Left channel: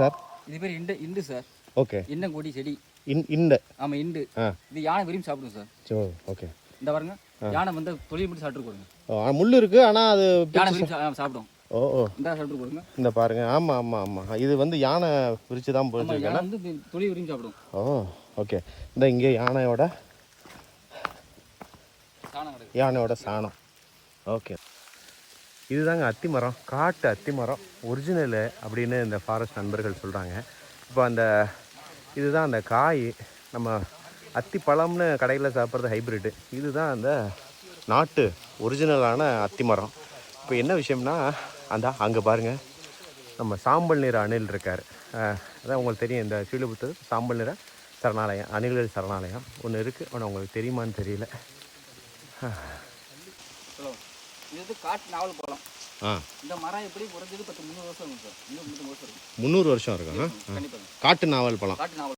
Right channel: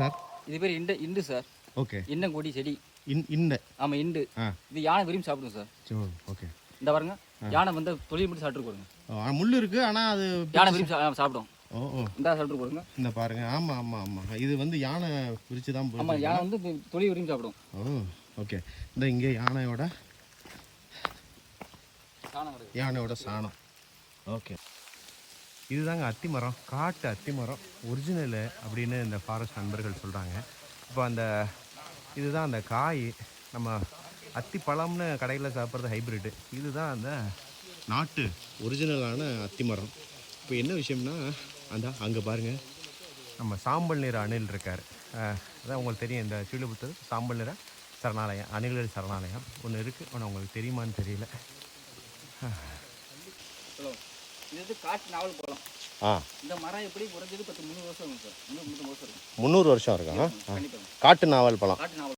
Sir இது பேர் into sir. Okay. இன்னங்கொடி செடி. இண்டு. ஆமாம், இண்டு. இது யானை விரும்பி சாப்பிடும் சார். சரி, ஓகே. இந்த பாருங்க, யானை வந்து தொழில் மட்டும் சாப்பிட்டு கொடுங்க. முள் இருக்கு, ஆனால் அது யானை விரும்பி சாப்பிடும். ஓ இந்த சாப்பிட்டு கொடுங்க. இந்த பாருங்க. ஆமாம் ஆமாம் ஆமாம், இது வந்து யானை பிரித்து தான் போகுது. யானை வந்து தொழில் விரும்பி சாப்பிடும். ஓ ஓகே. இந்த இங்கே யானையோட சாணம். ஓகே. இதுதாங்க அத்தி மரம், காட்டு அத்தி மரம் ஒரிஜினலு அப்படின்னு இந்த ஃபாரஸ்ட் நண்பர்கள் சொல்கிறாங்க. இப்போ இதுதான் அந்த காய். நம்ம அத்தி பழம்னு கடையில் சாப்பிட்றது ஹைப்ரிட்டு, இதுதான் அந்த நாட்டு ஒரிஜினலான அத்தி மரம். இப்போ என்ன விஷயம்னா, அங்கே பாருங்கள், நம்ம சாம்பல் நிற அணில் இருக்கார். அதான் உங்களுக்கு தெரியும், இந்த ஸ்ரீவில்லிபுத்தூர் சாம்பல் நிற சரணாலயம், அணில்கள் சரணாலயம் ஒன்று இருக்குது. ஆனால் உங்களுக்கு தெரியுமான்னு தெரியல. இது காட்டு நாவல் பழம். இந்த மரம் எப்படி குறைஞ்சது 300 வருஷம் இருக்கும் சார். 300 வருஷம் இருக்கும். 300 வருஷம் இருக்கா? காட்டு நாவல் பழம். காட்டு நாவல்